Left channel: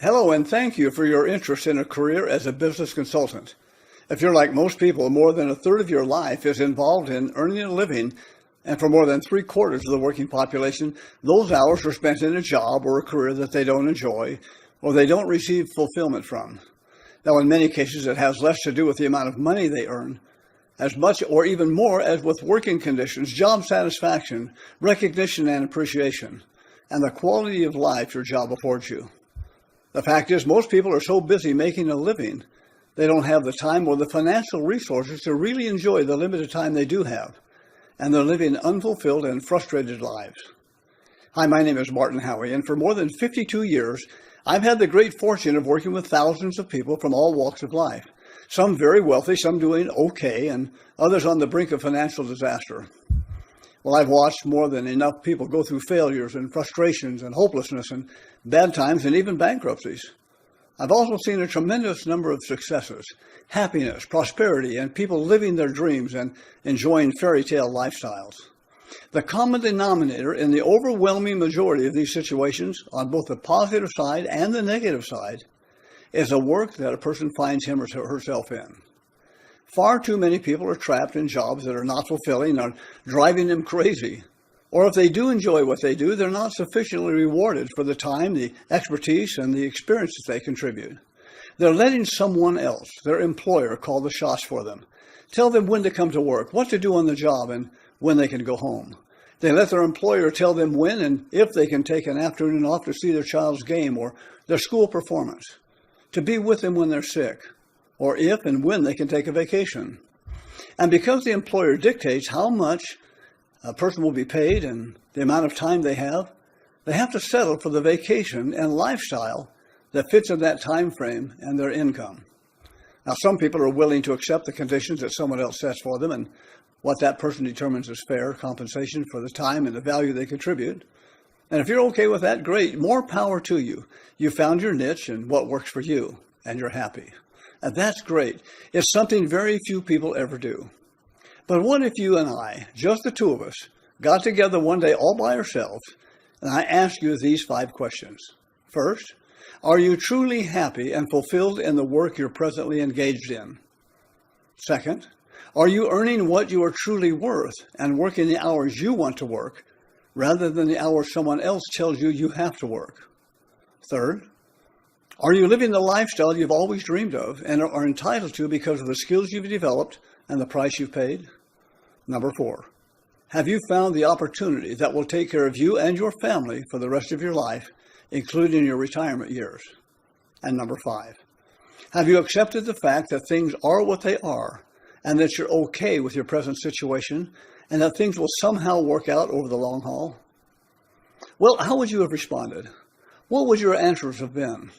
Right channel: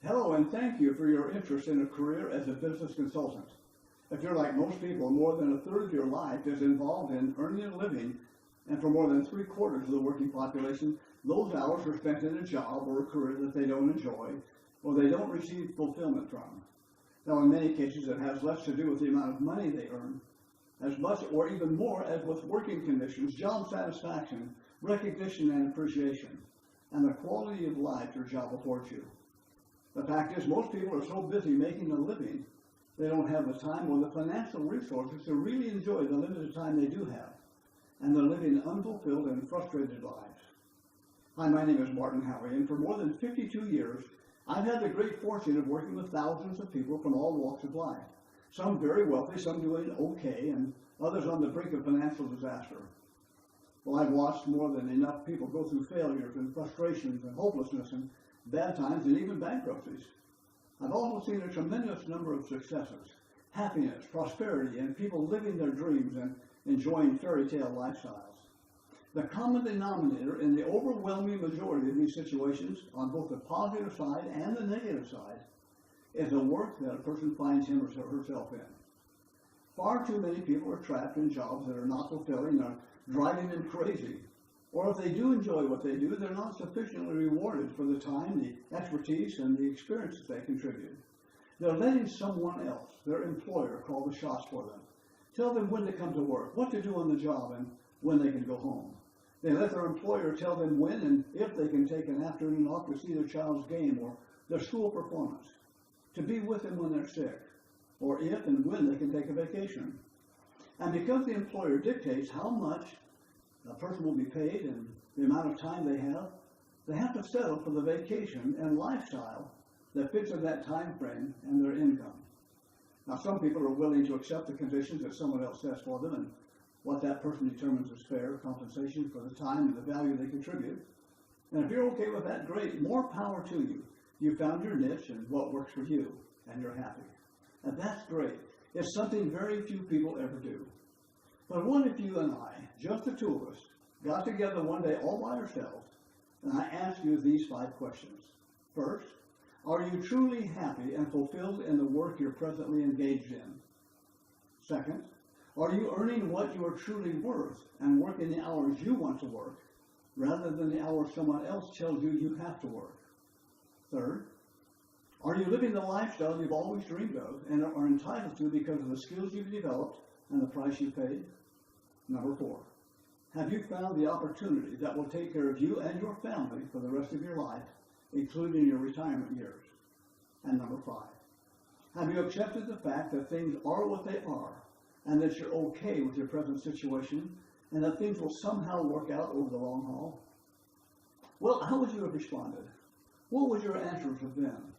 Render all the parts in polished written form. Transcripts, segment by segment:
Hello, and thank you for your interest in a career as a business consultant. If you're like most people, more than a third of your life is involved in earning a living, and for more than three-quarters of the working population, those hours are spent in a job or a career that they don't enjoy or they don't receive fulfillment from. Now, in many cases, it has less to do with the amount of money they earn, as much or even more as with working conditions, job satisfaction, recognition and appreciation, and the quality of life your job affords you. The fact is, most people are so busy making a living, they don't have the time or the financial resources to really enjoy the limited time they do have, and they're living unfulfilled and frustrated lives. Hi, my name is Martin Howie, and for more than 52 years, I've had the great fortune of working with thousands of people from all walks of life, some very wealthy, some doing okay, and others on the brink of financial disaster. Well, I've watched more than enough people go through failures and frustrations and hopelessness and bad times and even bankruptcies. I've also seen a tremendous number of successes, happiness, prosperity, and people living their dreams and enjoying fairy tale lifestyles. The common denominator in the overwhelming majority of these situations, on both the positive side and the negative side, is a work that a person finds him or herself in. Far too many people are trapped in jobs that are not fulfilling or driving them crazy. Or if they do enjoy what they do, they're not sufficiently rewarded for the time, the expertise, and the experiences they contribute. They're letting someone else, their employer, call the shots for them, tell them when to come to work, what to do on the job, and when they can go home. They let their employer tell them when and if they can take an afternoon off to see their child's game or their school performance, to be with them when they're sick, or if and when they can take a vacation. And because the employer dictates how much a person will be paid and the amount of time they have to settle for the vacation and lifestyle that fits in that time frame and their income. Now, some people are willing to accept the conditions that someone else sets for them and what that person determines as fair compensation for the time and the value they contribute. And if you're okay with that, great, more power to you. You found your niche and what works for you, and you're happy. And that's great. It's something very few people ever do. But what if you and I, just the two of us, got together one day all by ourselves, and I asked you these 5 questions. First, are you truly happy and fulfilled in the work you're presently engaged in? Second, are you earning what you are truly worth and working the hours you want to work, rather than the hours someone else tells you you have to work? Third, are you living the lifestyle you've always dreamed of and are entitled to because of the skills you've developed and the price you've paid? Number 4, have you found the opportunity that will take care of you and your family for the rest of your life, including your retirement years? And number 5, have you accepted the fact that things are what they are and that you're okay with your present situation and that things will somehow work out over the long haul? Well, how would you have responded? What would your answers have been?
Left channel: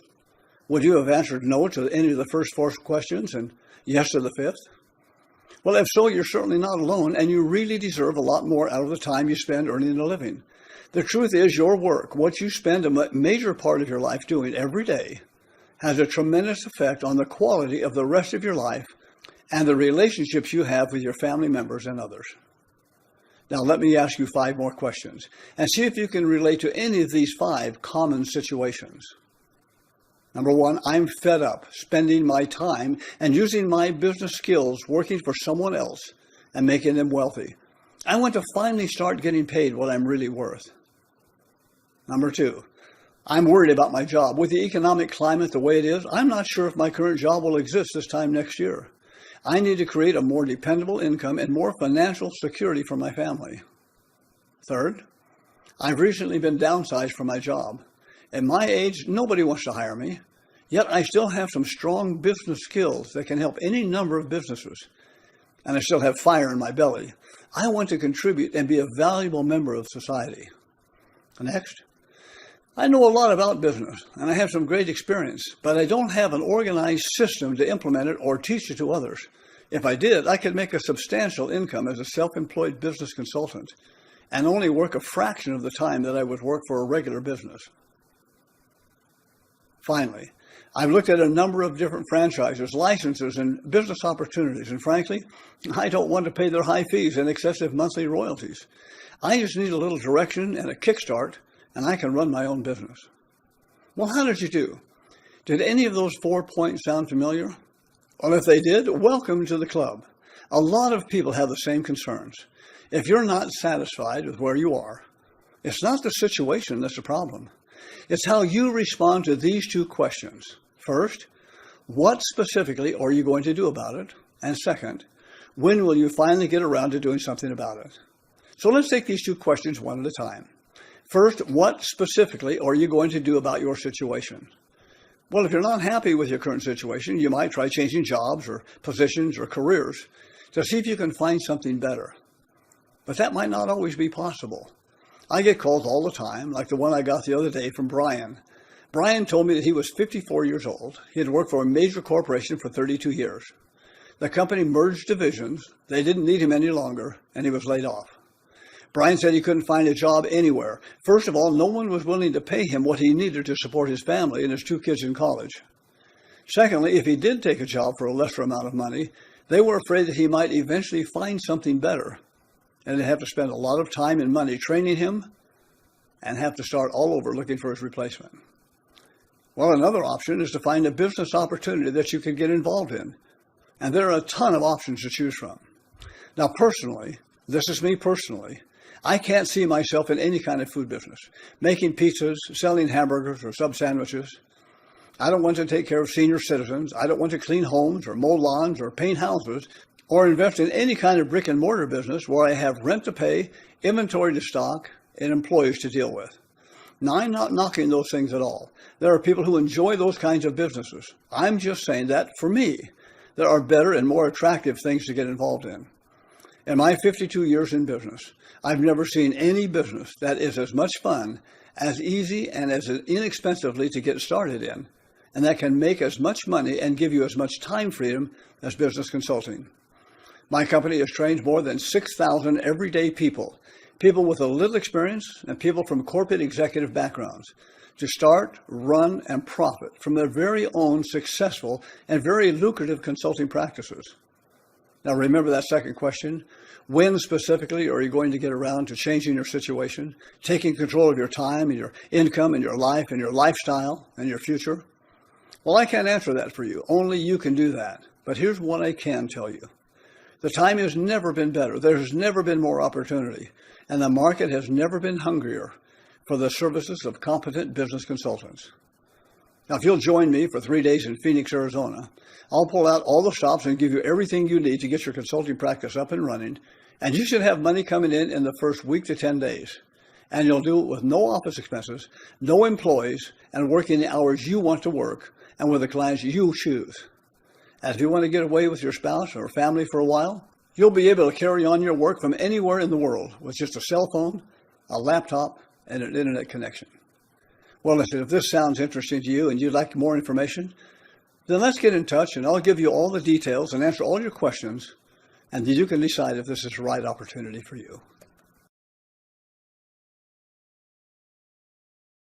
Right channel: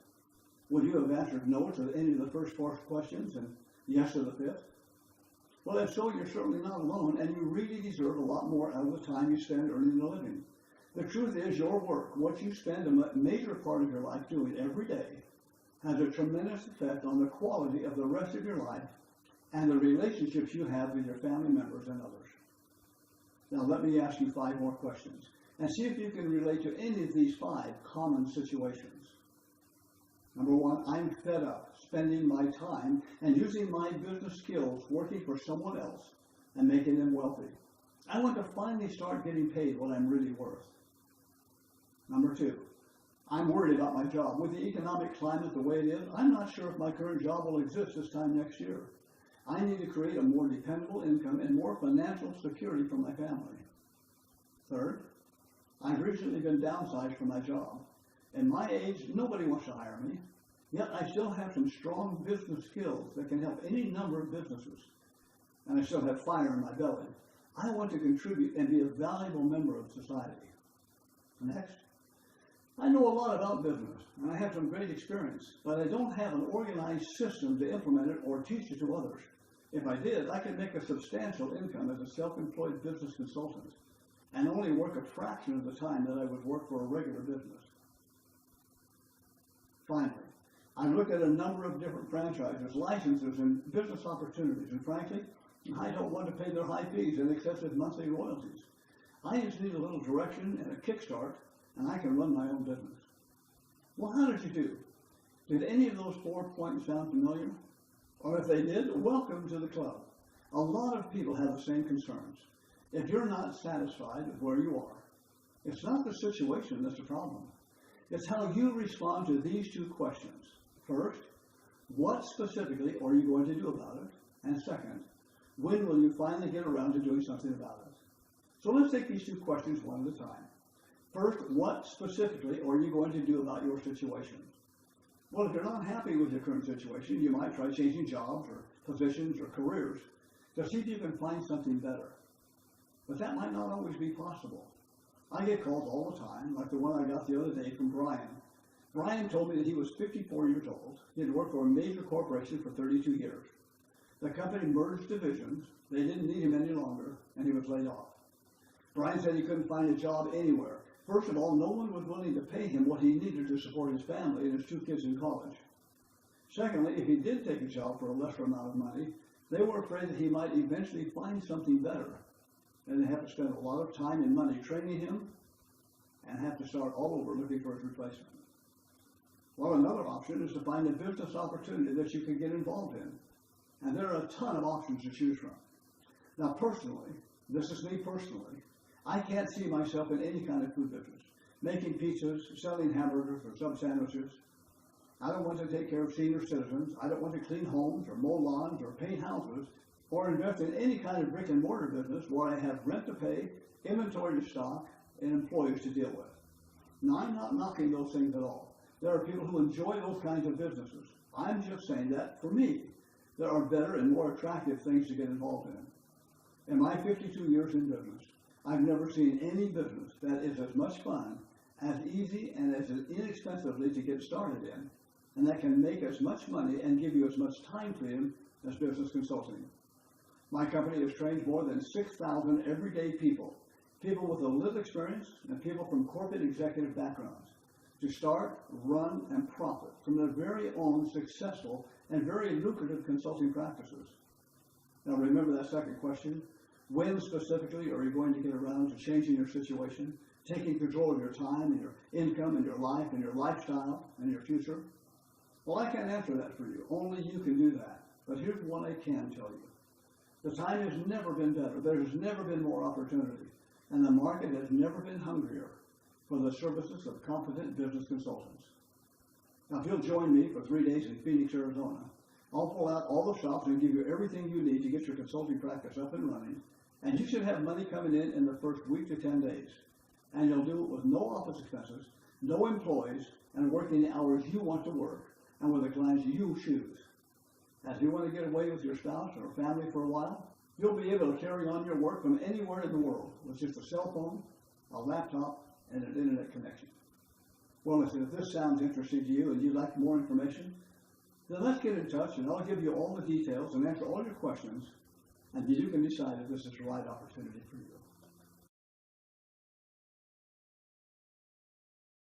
Would you have answered no to any of the first 4 questions and yes to the 5th? Well, if so, you're certainly not alone, and you really deserve a lot more out of the time you spend earning a living. The truth is, your work, what you spend a major part of your life doing every day, has a tremendous effect on the quality of the rest of your life and the relationships you have with your family members and others. Now, let me ask you 5 more questions, and see if you can relate to any of these 5 common situations. Number 1, I'm fed up spending my time and using my business skills working for someone else and making them wealthy. I want to finally start getting paid what I'm really worth. Number 2, I'm worried about my job. With the economic climate the way it is, I'm not sure if my current job will exist this time next year. I need to create a more dependable income and more financial security for my family. Third, I've recently been downsized from my job. At my age, nobody wants to hire me, yet I still have some strong business skills that can help any number of businesses, and I still have fire in my belly. I want to contribute and be a valuable member of society. Next, I know a lot about business, and I have some great experience, but I don't have an organized system to implement it or teach it to others. If I did, I could make a substantial income as a self-employed business consultant and only work a fraction of the time that I would work for a regular business. Finally, I've looked at a number of different franchises, licenses, and business opportunities, and frankly, I don't want to pay their high fees and excessive monthly royalties. I just need a little direction and a kickstart, and I can run my own business. Well, how did you do? Did any of those 4 points sound familiar? Well, if they did, welcome to the club. A lot of people have the same concerns. If you're not satisfied with where you are, it's not the situation that's the problem. It's how you respond to these two questions. First, what specifically are you going to do about it? And second, when will you finally get around to doing something about it? So let's take these two questions one at a time. First, what specifically are you going to do about your situation? Well, if you're not happy with your current situation, you might try changing jobs or positions or careers to see if you can find something better. But that might not always be possible. I get calls all the time, like the one I got the other day from Brian. Brian told me that he was 54 years old. He had worked for a major corporation for 32 years. The company merged divisions. They didn't need him any longer, and he was laid off. Brian said he couldn't find a job anywhere. First of all, no one was willing to pay him what he needed to support his family and his 2 kids in college. Secondly, if he did take a job for a lesser amount of money, they were afraid that he might eventually find something better, and they'd have to spend a lot of time and money training him and have to start all over looking for his replacement. Well, another option is to find a business opportunity that you can get involved in, and there are a ton of options to choose from. Now, personally, this is me personally, I can't see myself in any kind of food business, making pizzas, selling hamburgers or sub sandwiches. I don't want to take care of senior citizens. I don't want to clean homes or mow lawns or paint houses or invest in any kind of brick and mortar business where I have rent to pay, inventory to stock, and employees to deal with. Now, I'm not knocking those things at all. There are people who enjoy those kinds of businesses. I'm just saying that, for me, there are better and more attractive things to get involved in. In my 52 years in business, I've never seen any business that is as much fun, as easy, and as inexpensively to get started in, and that can make as much money and give you as much time freedom as business consulting. My company has trained more than 6,000 everyday people with a little experience and people from corporate executive backgrounds, to start, run, and profit from their very own successful and very lucrative consulting practices. Now, remember that second question. When specifically are you going to get around to changing your situation, taking control of your time and your income and your life and your lifestyle and your future? Well, I can't answer that for you. Only you can do that. But here's what I can tell you. The time has never been better. There's never been more opportunity. And the market has never been hungrier for the services of competent business consultants. Now, if you'll join me for 3 days in Phoenix, Arizona, I'll pull out all the stops and give you everything you need to get your consulting practice up and running. And you should have money coming in the first week to 10 days. And you'll do it with no office expenses, no employees, and working the hours you want to work and with the clients you choose. And if you want to get away with your spouse or family for a while, you'll be able to carry on your work from anywhere in the world with just a cell phone, a laptop, and an internet connection. Well, listen, if this sounds interesting to you and you'd like more information, then let's get in touch and I'll give you all the details and answer all your questions, and then you can decide if this is the right opportunity for you.